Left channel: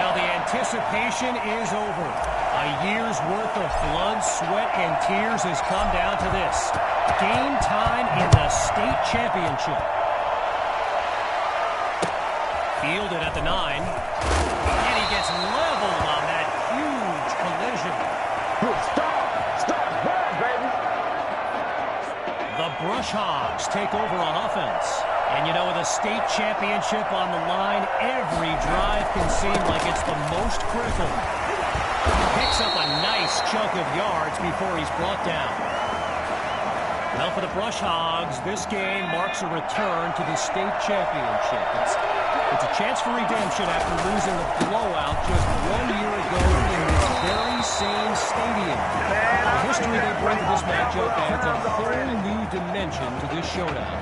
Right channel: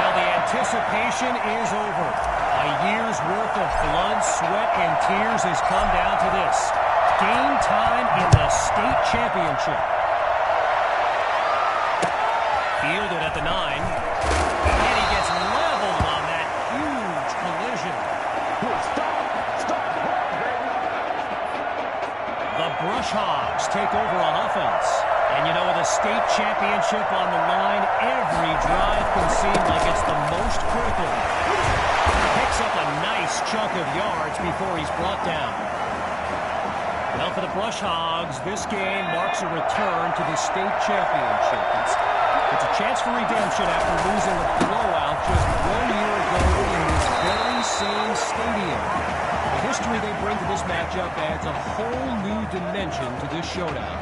Well, the anticipation is over. A year's worth of blood, sweat, and tears has come down to this. Game time in the state championship. Fielded at the 9. And he gets leveled on that huge collision. Stop, run, baby. The Brush Hogs take over on offense. And you know, with a state championship on the line, every drive can seem like it's the most critical. Picks up a nice chunk of yards before he's brought down. Well, for the Brush Hogs, this game marks a return to the state championship. It's a chance for redemption after losing a blowout just 1 year ago in this very same stadium. The history they bring to this matchup adds a whole new dimension to this showdown.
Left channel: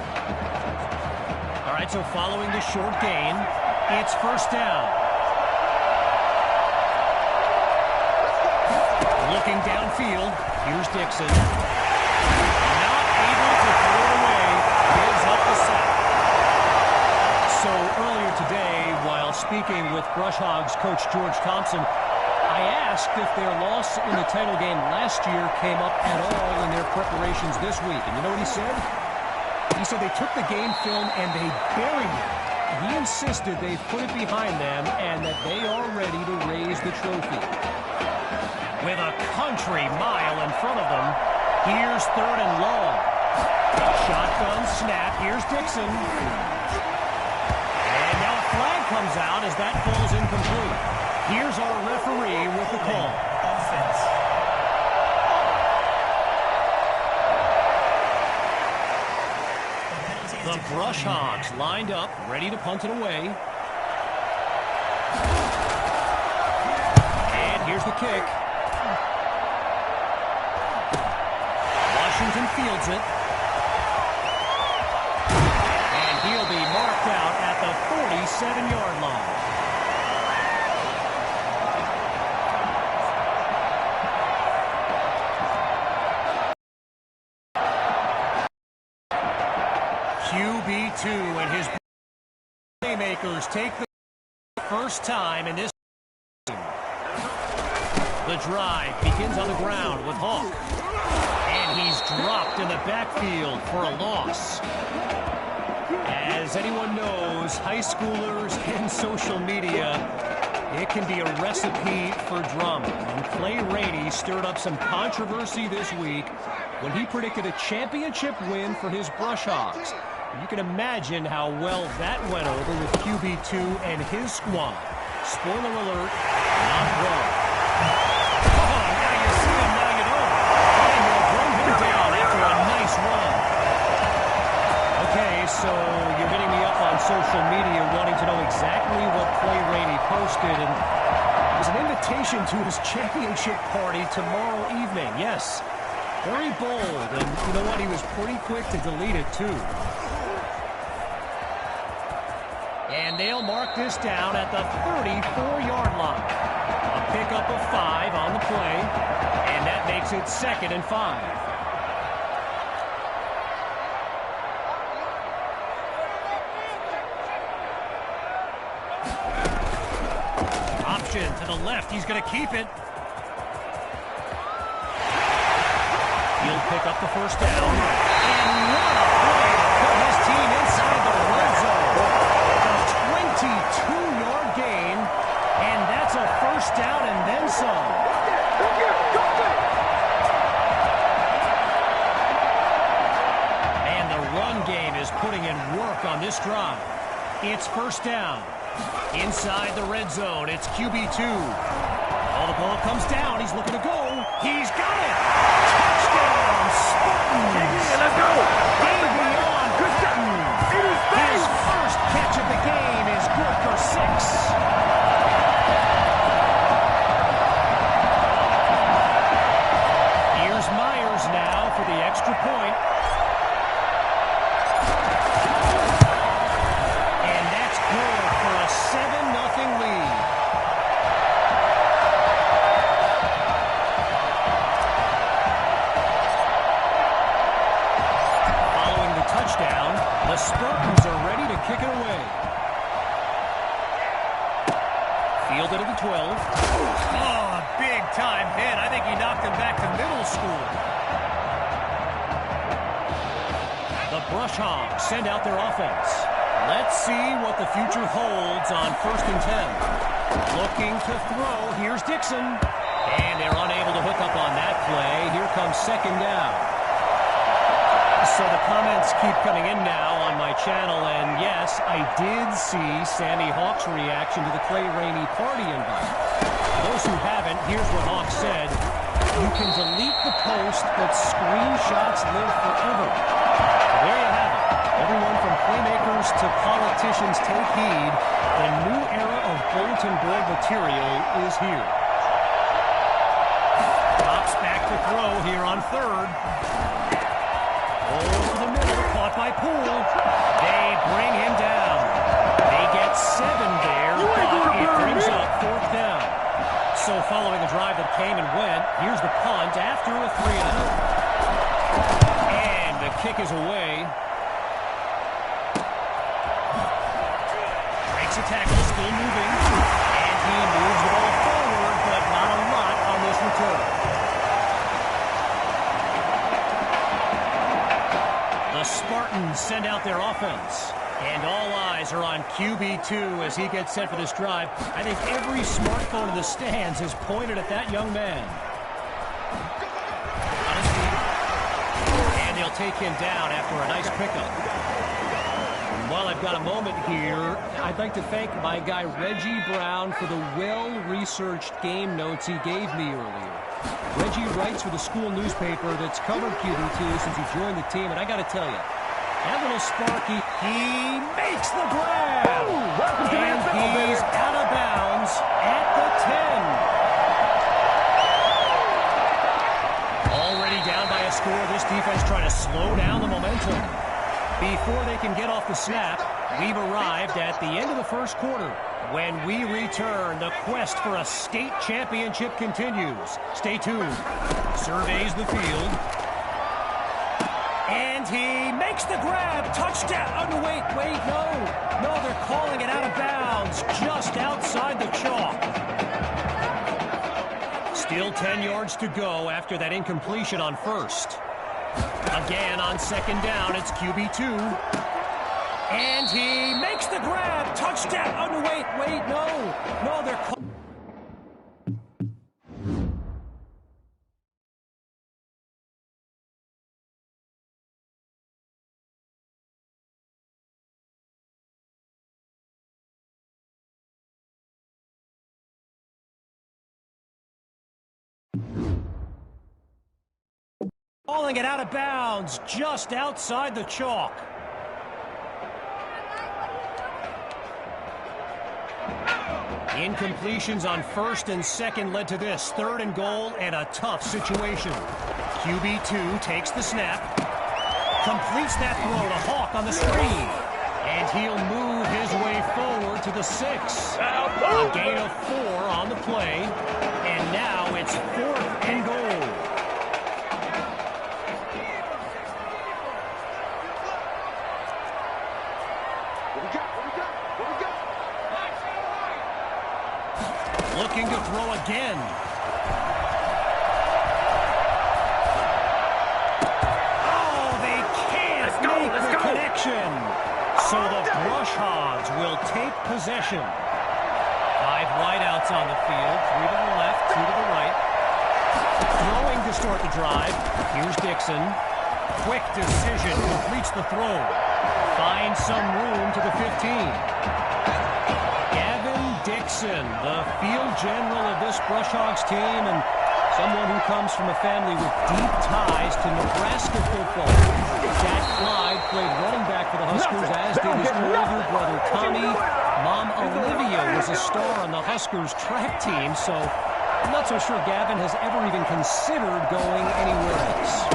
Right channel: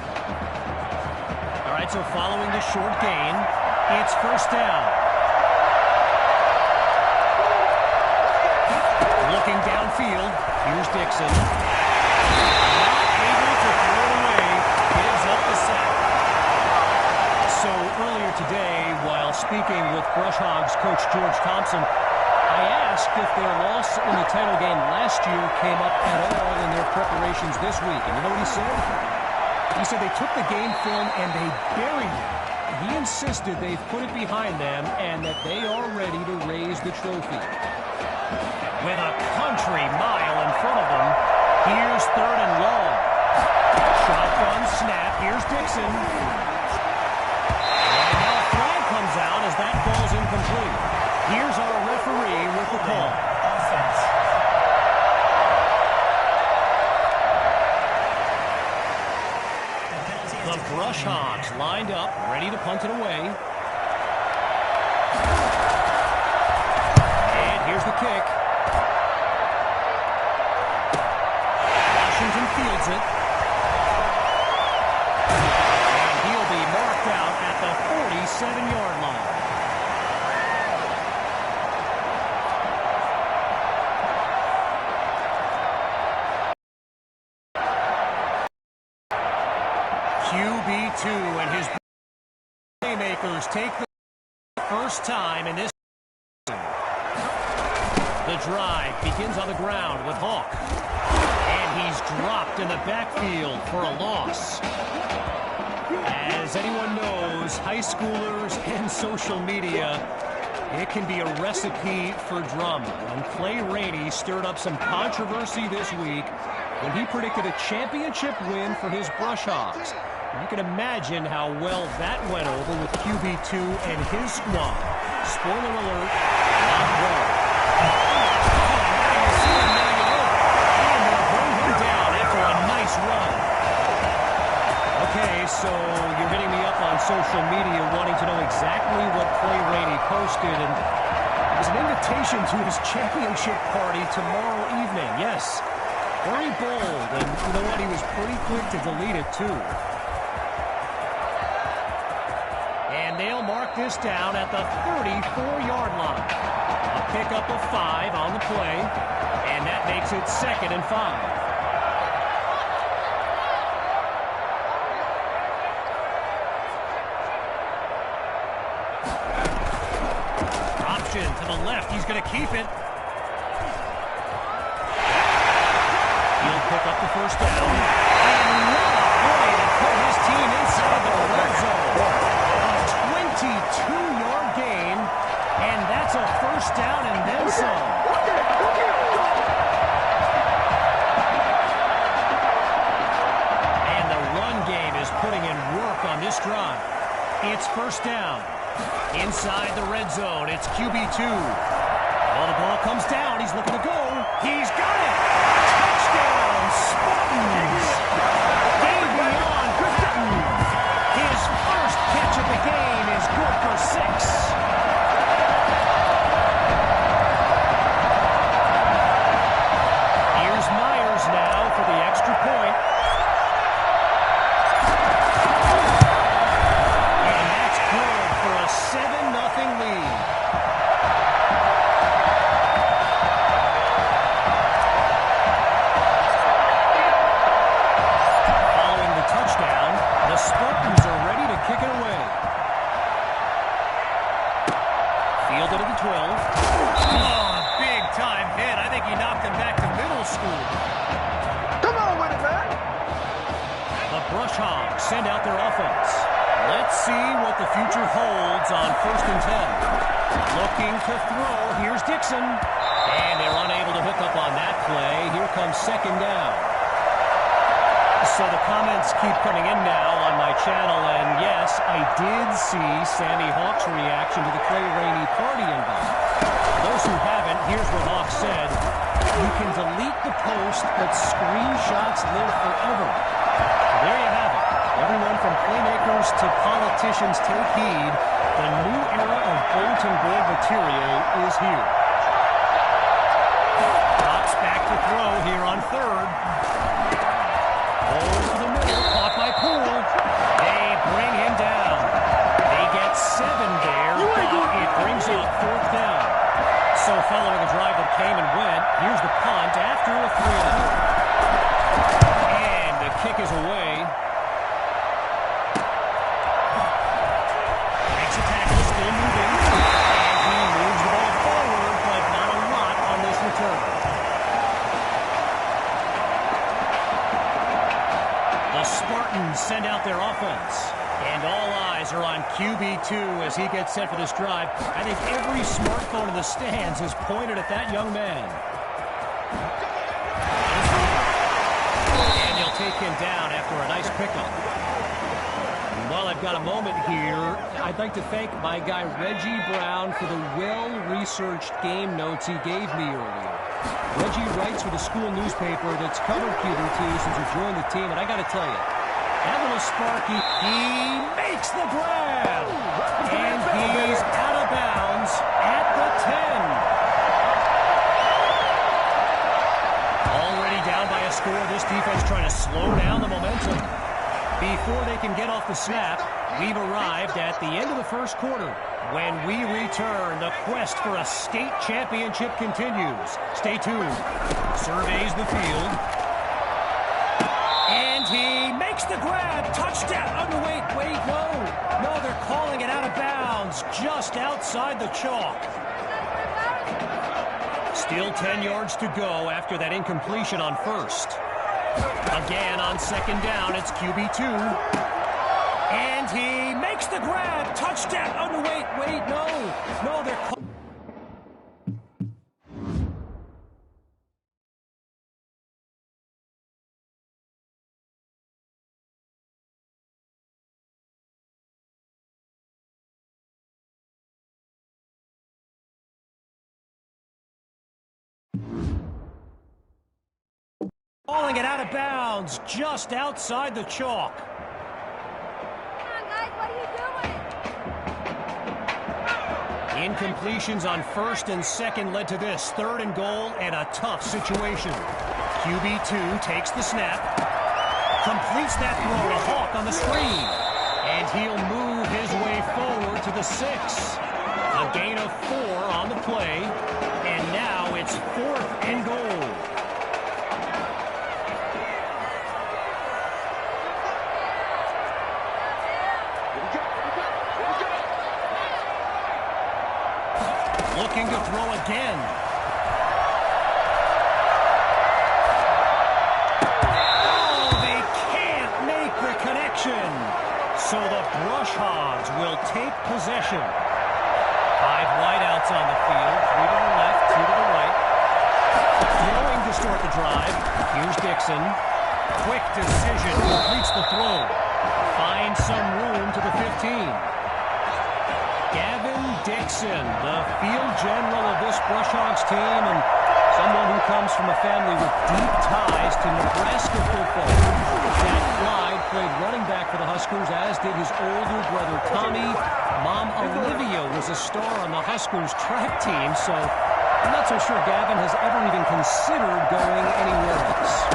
All right, so following the short gain, it's first down. Looking downfield, here's Dixon. Not able to throw it away, gives up the sack. So earlier today, while speaking with Brush Hogs coach George Thompson, I asked if their loss in the title game last year came up at all in their preparations this week. And you know what he said? He said they took the game film and they buried it. He insisted they've put it behind them and that they are ready to raise the trophy. With a country mile in front of them, here's 3rd and long. Shotgun snap. Here's Dixon. And now a flag comes out as that falls incomplete. Here's our referee with the call. Offense. The Brush Hogs lined up, ready to punt it away. And here's the kick. Washington fields it. And he'll be marked out at the 47-yard line. QB2 and his playmakers take the first time in this game. The drive begins on the ground with Hawk. And he's dropped in the backfield for a loss. As anyone knows, high schoolers and social media, it can be a recipe for drama. And Clay Rainey stirred up some controversy this week when he predicted a championship win for his Brush Hogs. You can imagine how well that went over with QB2 and his squad. Spoiler alert, not wrong. Oh, now you see him, now you don't. And they'll bring him down after a nice run. Okay, so you're hitting me up on social media wanting to know exactly what Clay Rainey posted. And it was an invitation to his championship party tomorrow evening. Yes, very bold. And you know what? He was pretty quick to delete it, too. And they'll mark this down at the 34-yard line. A pickup of 5 on the play, and that makes it 2nd and 5. Option to the left. He's going to keep it. He'll pick up the first down. And what a play to put his team inside the red zone. 22-yard gain, and that's a first down and then some. And the run game is putting in work on this drive. It's first down. Inside the red zone, it's QB2. Well, the ball comes down. He's looking to go. He's got it. Touchdown, Spartans. Game beyond Spartans. His first catch of the game is good for 6. Here's Myers now for the extra point. And that's good for a 7-0 lead. Following the touchdown, the Spartans are ready to kick it away. Fielded at the 12. Oh, a big-time hit. I think he knocked him back to middle school. Come on with it, man. The Brush Hogs send out their offense. Let's see what the future holds on 1st and 10. Looking to throw. Here's Dixon. And they're unable to hook up on that play. Here comes 2nd down. So the comments keep coming in now on my channel, and yes, I did see Sammy Hawk's reaction to the Clay Rainey party invite. For those who haven't, here's what Hawk said. You can delete the post, but screenshots live forever. So there you have it. Everyone from playmakers to politicians take heed. The new era of bulletin board material is here. Drops back to throw here on 3rd. Over the middle, caught by Poole. They bring him down. They get 7 there, but it brings up 4th down. So following a drive that came and went, here's the punt after a 3-and-out. And the kick is away. Breaks a tackle, still moving. And he moves the ball forward, but not a lot on this return. The Spartans send out their offense. And all eyes are on QB2 as he gets set for this drive. I think every smartphone in the stands is pointed at that young man. And they'll take him down after a nice pickup. And while I've got a moment here, I'd like to thank my guy Reggie Brown for the well-researched game notes he gave me earlier. Reggie writes for the school newspaper that's covered QB2 since he joined the team, and I got to tell you, that little Sparky, he makes the grab, and he's out of bounds at the 10. Already down by a score, this defense trying to slow down the momentum. Before they can get off the snap, we've arrived at the end of the 1st quarter. When we return, the quest for a state championship continues. Stay tuned. Surveys the field. And he makes the grab. Touchdown. Oh, no, wait, no. No, they're calling it out of bounds just outside the chalk. Still 10 yards to go after that incompletion on 1st. Again on 2nd down, it's QB2. And he makes the grab. Touchdown. Oh, no, wait, no. No, they're calling. Calling it out of bounds just outside the chalk. Incompletions on 1st and 2nd led to this 3rd and goal and a tough situation. QB2 takes the snap, completes that throw to Hawk on the screen, and he'll move his way forward to the 6. A gain of 4 on the play, and now it's 4th and goal. Looking to throw again. Oh, they can't make the connection. So the Brush Hogs will take possession. 5 wideouts on the field. 3 to the left, 2 to the right. Throwing to start the drive. Here's Dixon. Quick decision. Completes the throw. Finds some room to the 15. Dixon, the field general of this Brush Hogs team, and someone who comes from a family with deep ties to Nebraska football. Dad Clyde played running back for the Huskers, as did his older brother Tommy. Mom Olivia was a star on the Huskers track team, so I'm not so sure Gavin has ever even considered going anywhere else.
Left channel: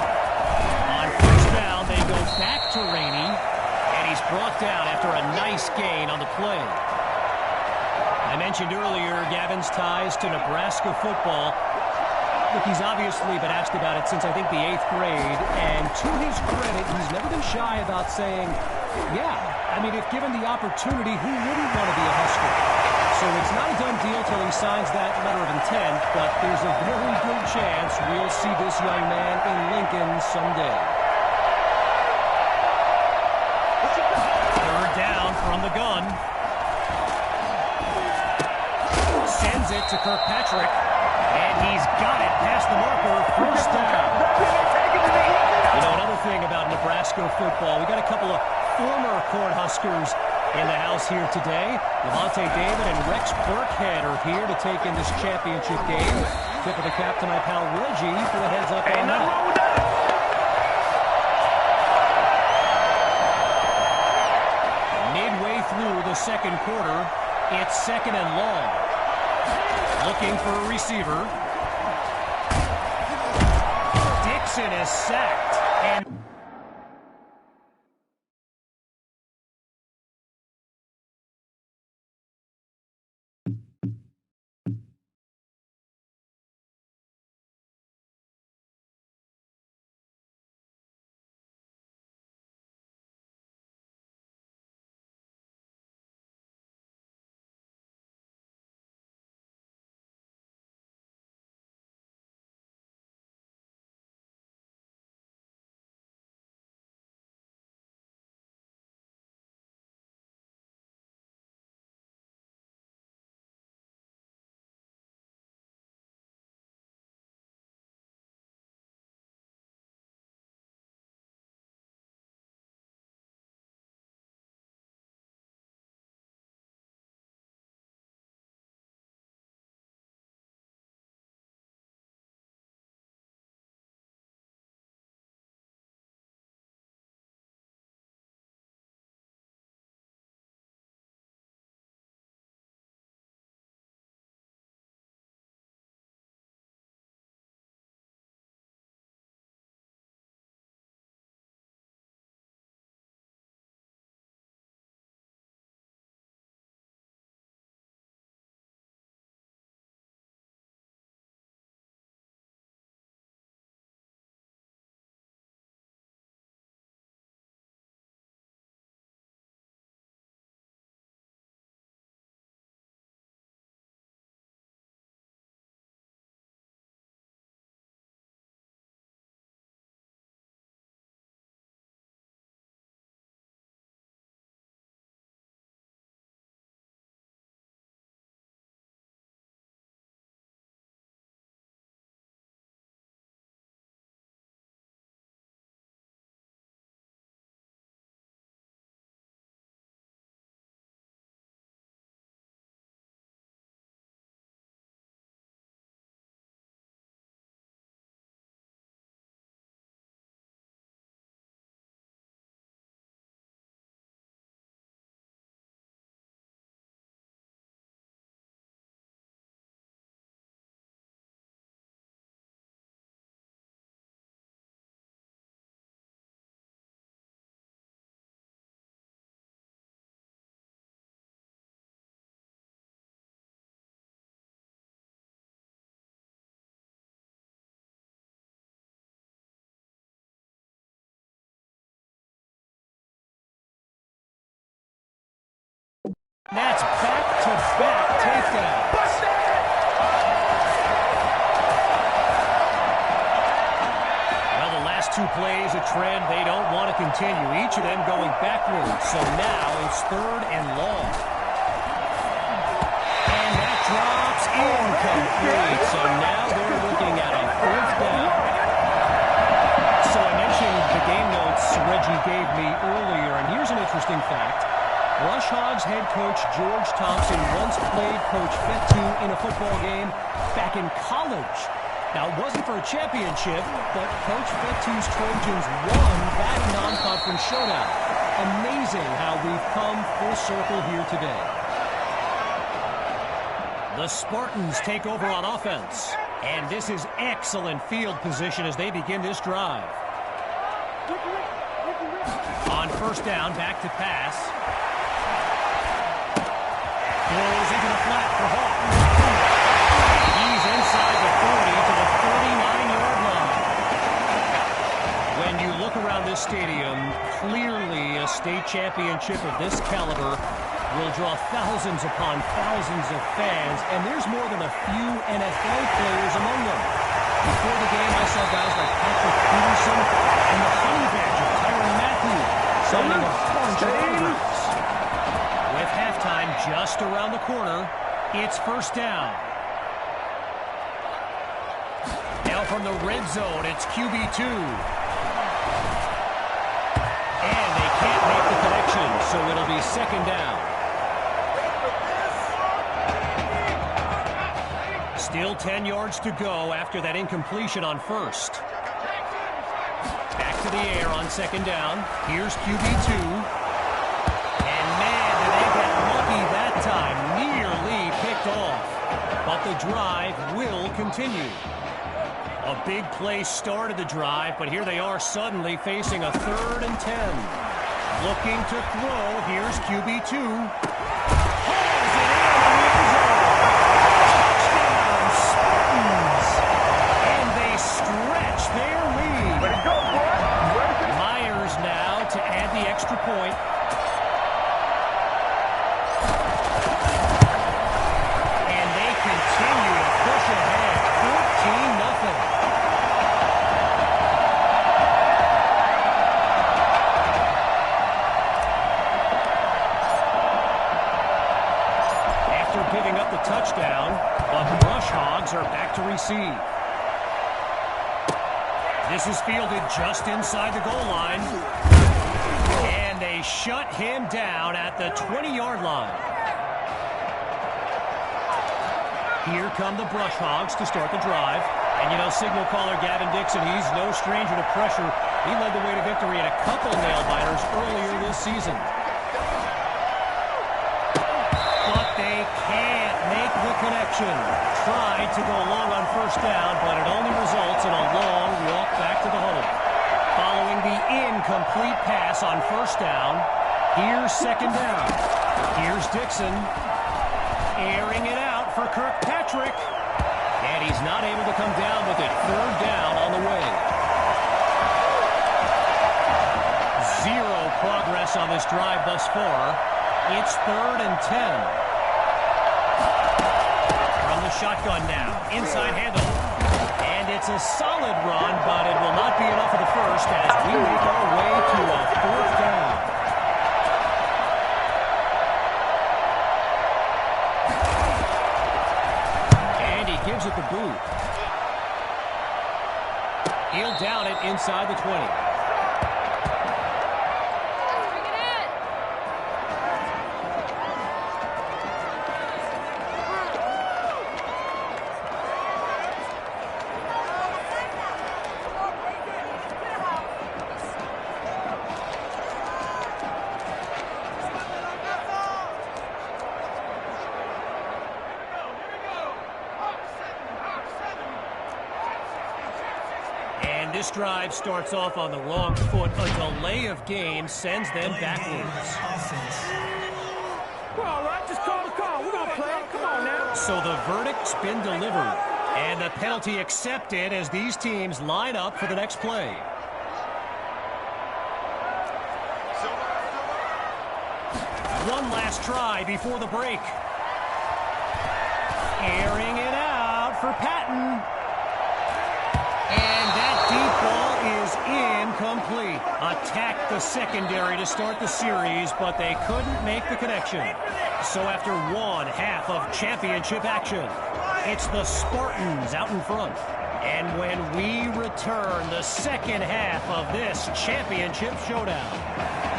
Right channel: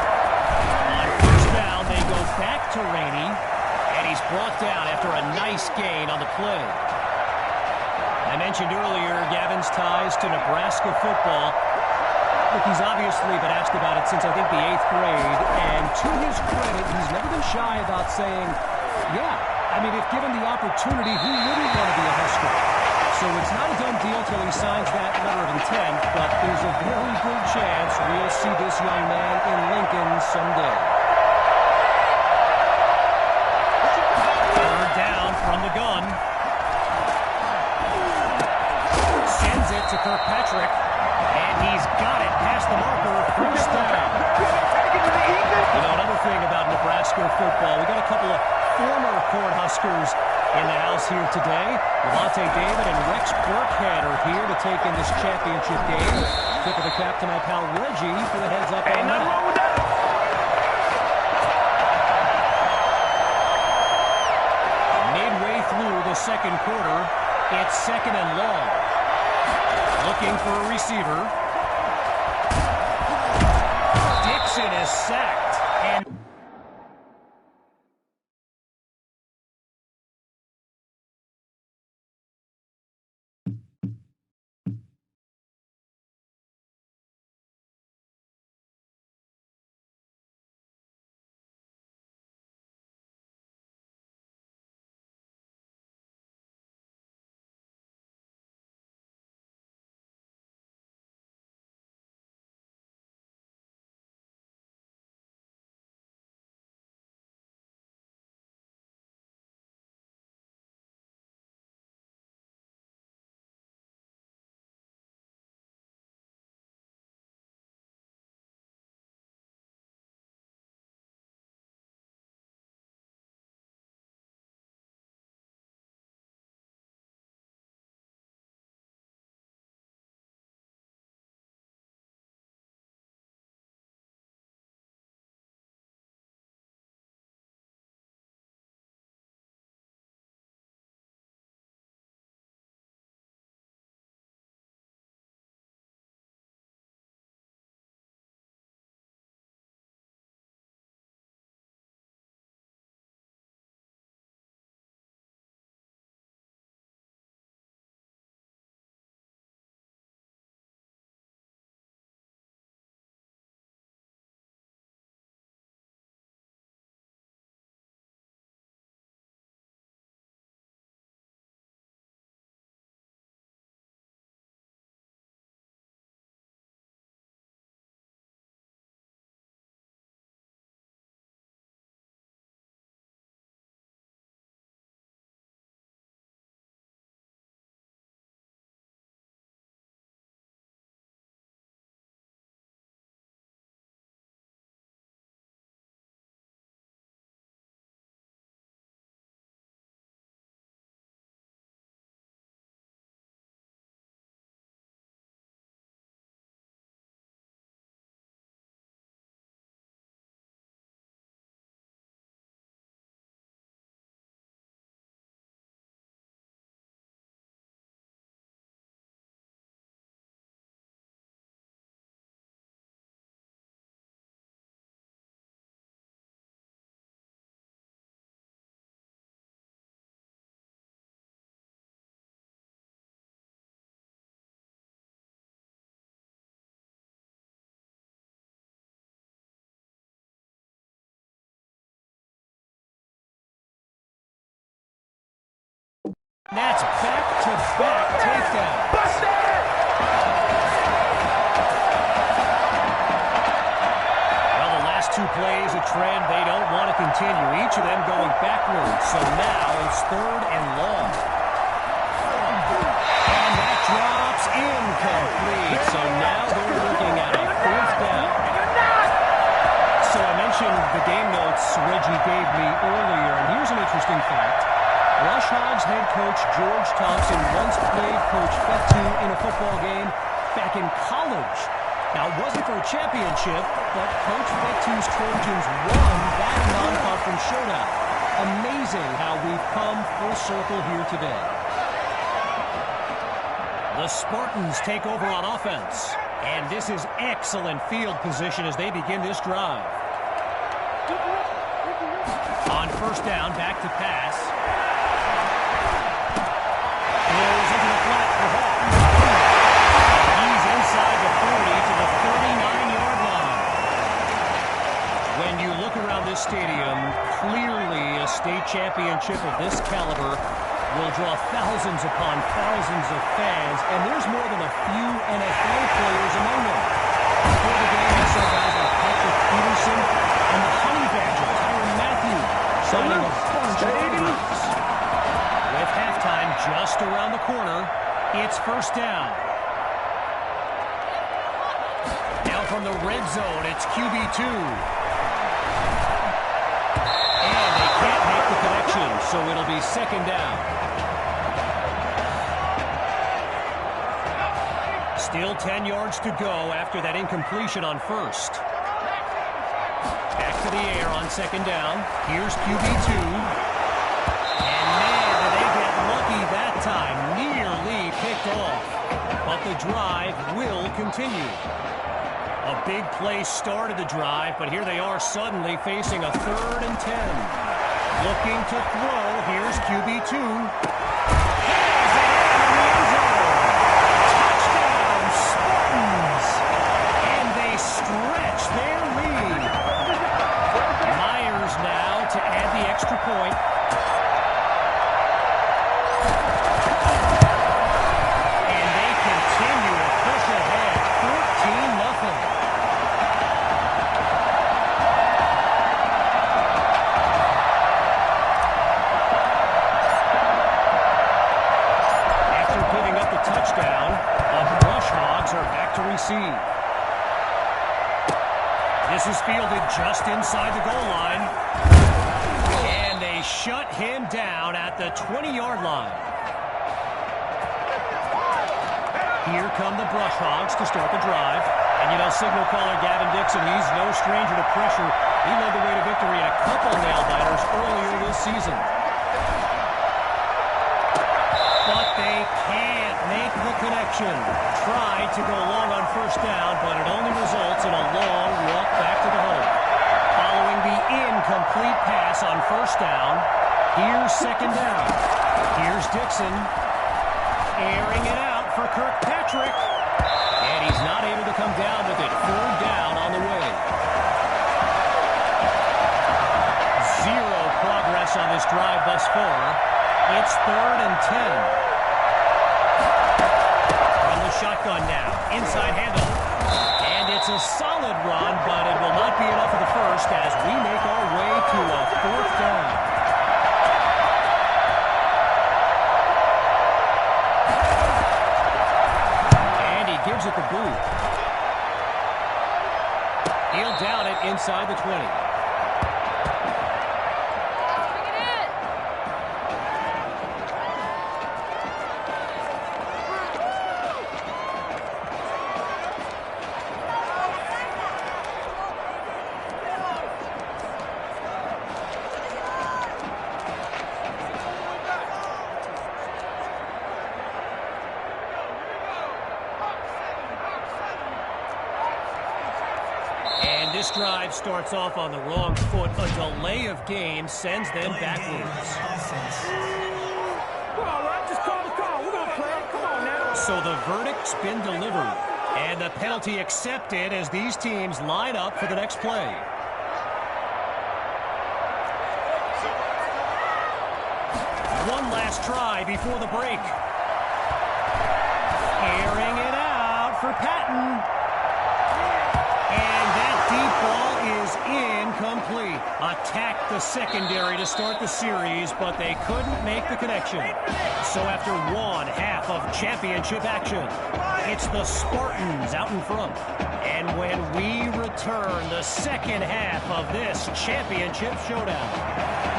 On 1st down, they go back to Rainey, and he's brought down after a nice gain on the play. I mentioned earlier Gavin's ties to Nebraska football. Look, he's obviously been asked about it since, I think, the 8th grade. And to his credit, he's never been shy about saying, yeah, I mean, if given the opportunity, who wouldn't want to be a Husker? So it's not a done deal till he signs that letter of intent, but there's a very good chance we'll see this young man in Lincoln someday. Third down from the gun. Sends it to Kirkpatrick, and he's got it past the marker. First down. You know, another thing about Nebraska football, we got a couple of former Cornhuskers in the house here today. Levante David and Rex Burkhead are here to take in this championship game. Tip of the cap to my pal Reggie for the heads up on that. Midway through the second quarter, it's second and long. Looking for a receiver. Dixon is sacked. And that's back-to-back takedown. Well, the last two plays, a trend they don't want to continue. Each of them going backwards. So now it's third and long. And that drops incomplete. So now they're looking at a fourth down. So I mentioned the game notes Reggie gave me earlier, and here's an interesting fact. Rush Hogs head coach George Thompson once played Coach Fetu in a football game back in college. Now, it wasn't for a championship, but Coach Fetu's Trojans won that non-conference showdown. Amazing how we've come full circle here today. The Spartans take over on offense, and this is excellent field position as they begin this drive. On first down, back to pass. Throws into the flat for Hawk. He's inside the 40 to the 39-yard line. When you look around this stadium, clearly a state championship of this caliber will draw thousands upon thousands of fans, and there's more than a few NFL players among them. Before the game, I saw guys like Patrick Peterson and the Honey Badger, Tyrann Mathieu, signing a bunch of autographs. With halftime just around the corner, it's first down. Now from the red zone, it's QB2. And they can't make the connection, so it'll be second down. Still 10 yards to go after that incompletion on first. Back to the air on second down. Here's QB2. And man, did they get lucky that time. Nearly picked off. But the drive will continue. A big play started the drive, but here they are suddenly facing a 3rd and 10. Looking to throw. Here's QB2. Hauls it in the end zone. Touchdown, Spartans. And they stretch their lead. Myers now to add the extra point. And they continue to push ahead. 14-0. Giving up the touchdown, the Brush Hogs are back to receive. This is fielded just inside the goal line. And they shut him down at the 20-yard line. Here come the Brush Hogs to start the drive. And you know, signal caller Gavin Dixon, he's no stranger to pressure. He led the way to victory in a couple nail-biters earlier this season. But they can't make the connection. Tried to go long on first down, but it only results in a long walk back to the hole. Following the incomplete pass on first down, here's second down. Here's Dixon, airing it out for Kirkpatrick. And he's not able to come down with it. 3rd down on the way. Zero progress on this drive thus far. It's 3rd and 10. From the shotgun now. Inside handoff. And it's a solid run, but it will not be enough for the first as we make our way to a 4th down. And he gives it the boot. He'll down it inside the 20. This drive starts off on the wrong foot. A delay of game sends them backwards. We're all right. Just call the call. We're going to play. Come on now. So the verdict's been delivered. And the penalty accepted as these teams line up for the next play. One last try before the break. Airing it out for Patton. And that deep ball is incomplete. Attacked the secondary to start the series, but they couldn't make the connection. So after one half of championship action, it's the Spartans out in front. And when we return the second half of this championship showdown,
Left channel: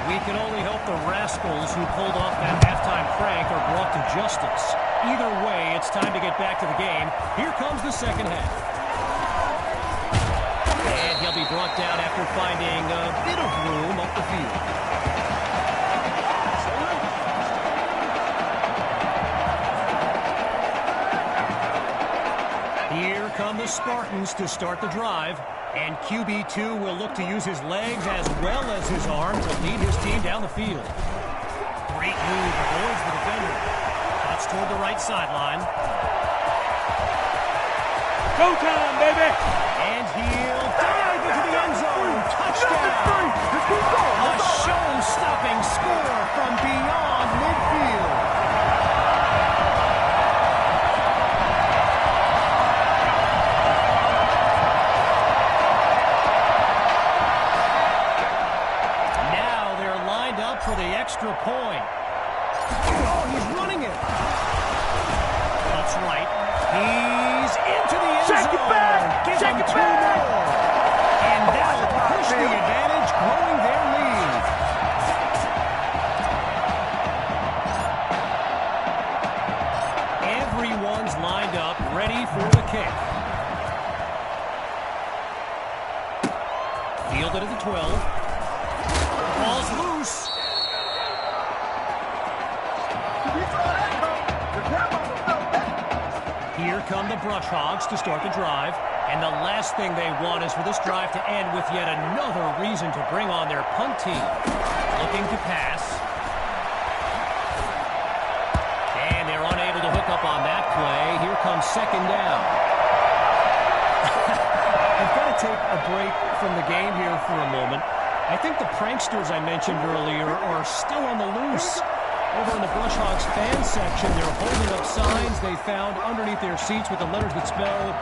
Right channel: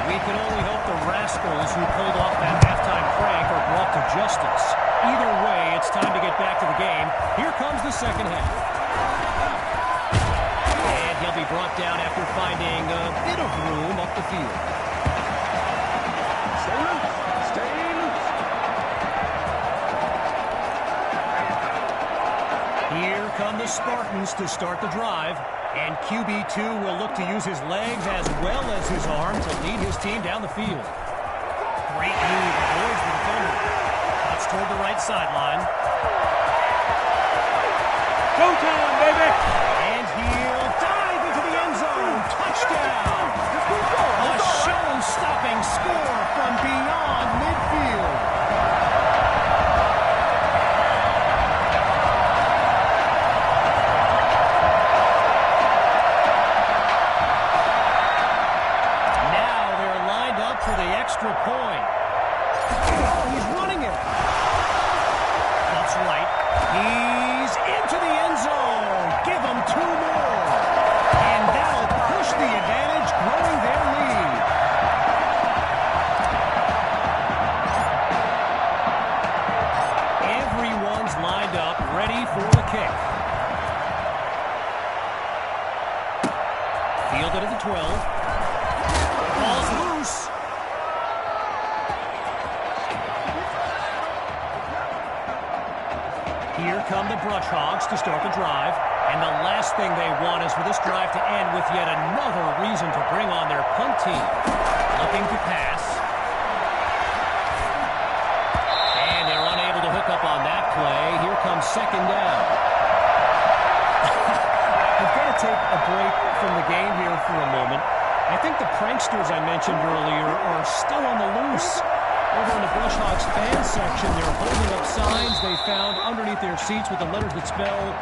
we can only hope the rascals who pulled off that halftime prank are brought to justice. Either way, it's time to get back to the game. Here comes the second half. And he'll be brought down after finding a bit of room up the field. Here come the Spartans to start the drive. And QB2 will look to use his legs as well as his arm to lead his team down the field. Great move, avoids the defender. Cuts toward the right sideline. Go time, baby! And he'll dive into the end zone. Touchdown! A show-stopping score from beyond midfield. is lined up, ready for the kick. Fielded at the 12. Ball's loose. Here come the Brush Hogs to start the drive. And the last thing they want is for this drive to end with yet another reason to bring on their punt team. Looking to pass. And they're unable to hook up on that play. Here comes second down. I've got to take a break from the game here for a moment. I think the pranksters I mentioned earlier are still on the loose. Over in the Brush Hogs fan section, they're holding up signs they found underneath their seats with the letters that spell,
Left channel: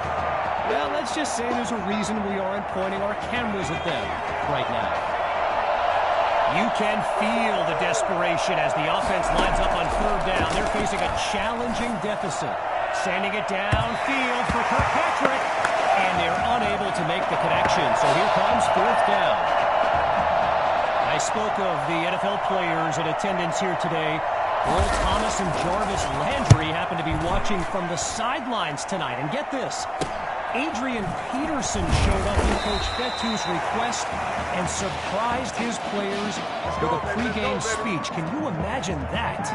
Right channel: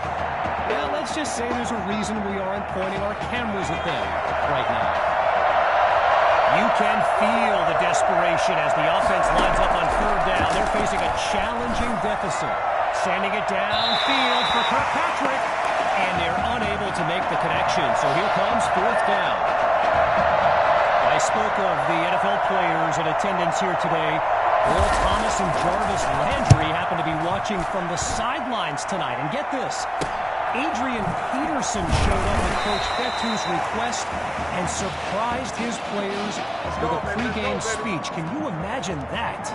well, let's just say there's a reason we aren't pointing our cameras at them right now. You can feel the desperation as the offense lines up on third down. They're facing a challenging deficit. Sending it downfield for Kirkpatrick, and they're unable to make the connection. So here comes fourth down. I spoke of the NFL players in attendance here today. Earl Thomas and Jarvis Landry happen to be watching from the sidelines tonight. And get this, Adrian Peterson showed up at Coach Fetu's request and surprised his players with a pregame speech. Can you imagine that?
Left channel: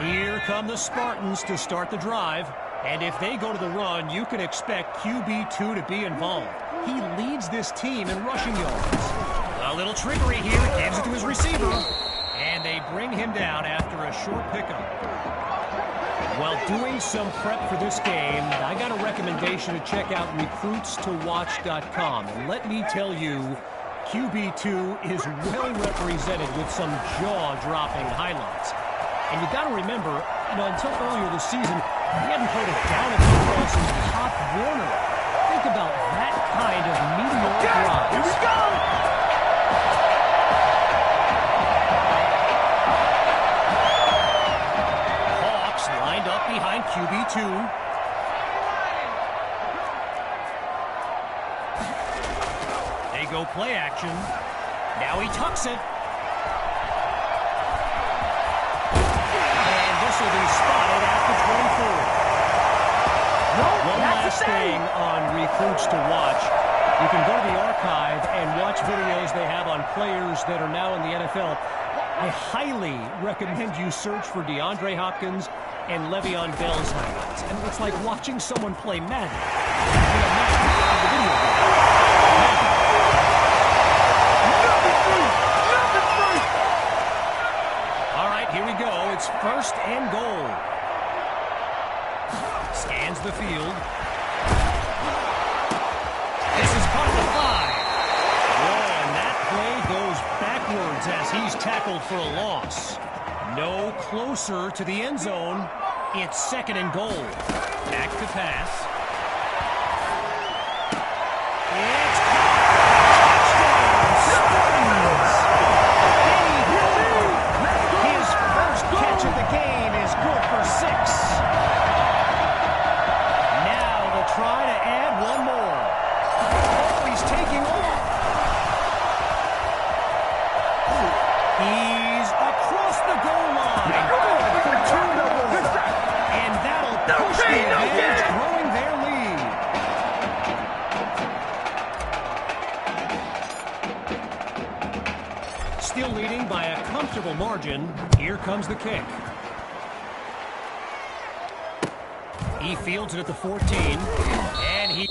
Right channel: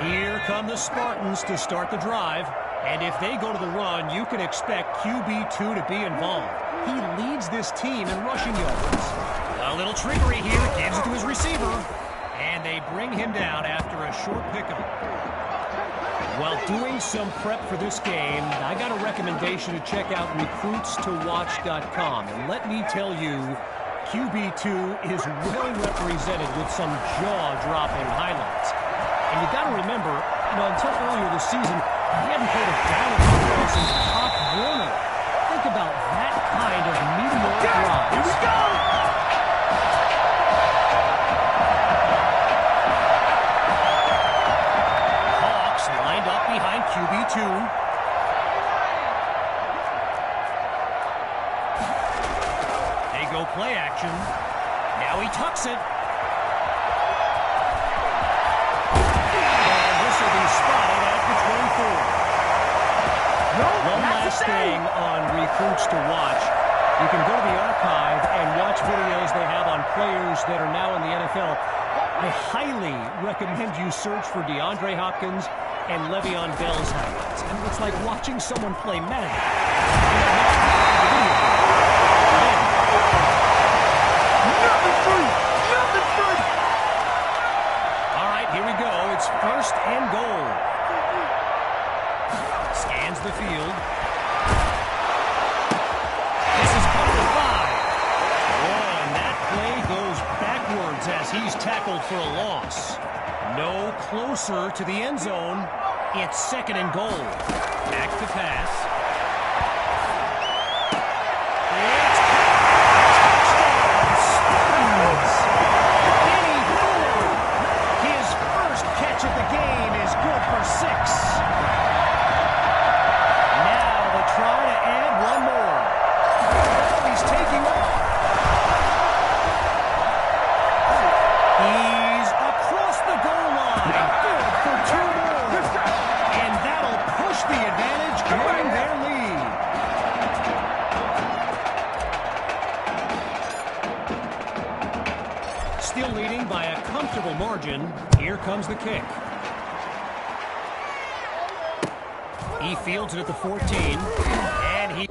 Here come the Spartans to start the drive. And if they go to the run, you can expect QB2 to be involved. He leads this team in rushing yards. A little trickery here, gives it to his receiver, and they bring him down after a short pickup. While doing some prep for this game, I got a recommendation to check out recruitstowatch.com, and let me tell you, QB2 is well represented with some jaw-dropping highlights. And you got to remember, until earlier this season, he hadn't played a down at football since Pop Warner. Think about that kind of meteoric rise. Here we go! Lined up behind QB2. They go play action. Now he tucks it. And this will be spotted at the 24. One last thing on Recruits to Watch. You can go to the archive and watch videos they have on players that are now in the NFL. I highly recommend you search for DeAndre Hopkins and Le'Veon Bell's highlights. And it's like watching someone play Madden. Madden, the video game. Madden. Nothing free! Nothing free! All right, here we go. It's first and goal. Scans the field. This is caught at the 5. Oh, and that play goes backwards as he's tackled for a loss. No closer to the end zone. It's second and goal. Back to pass. It's touchdown, Spartans! Benny Hiller. His first catch of the game is good for 6. Now the try to add one more. Oh, he's taking off. He's across the goal line. Good for 2 more. And that'll push the advantage, growing their lead. Still leading by a comfortable margin. Here comes the kick. He fields it at the 14. And he...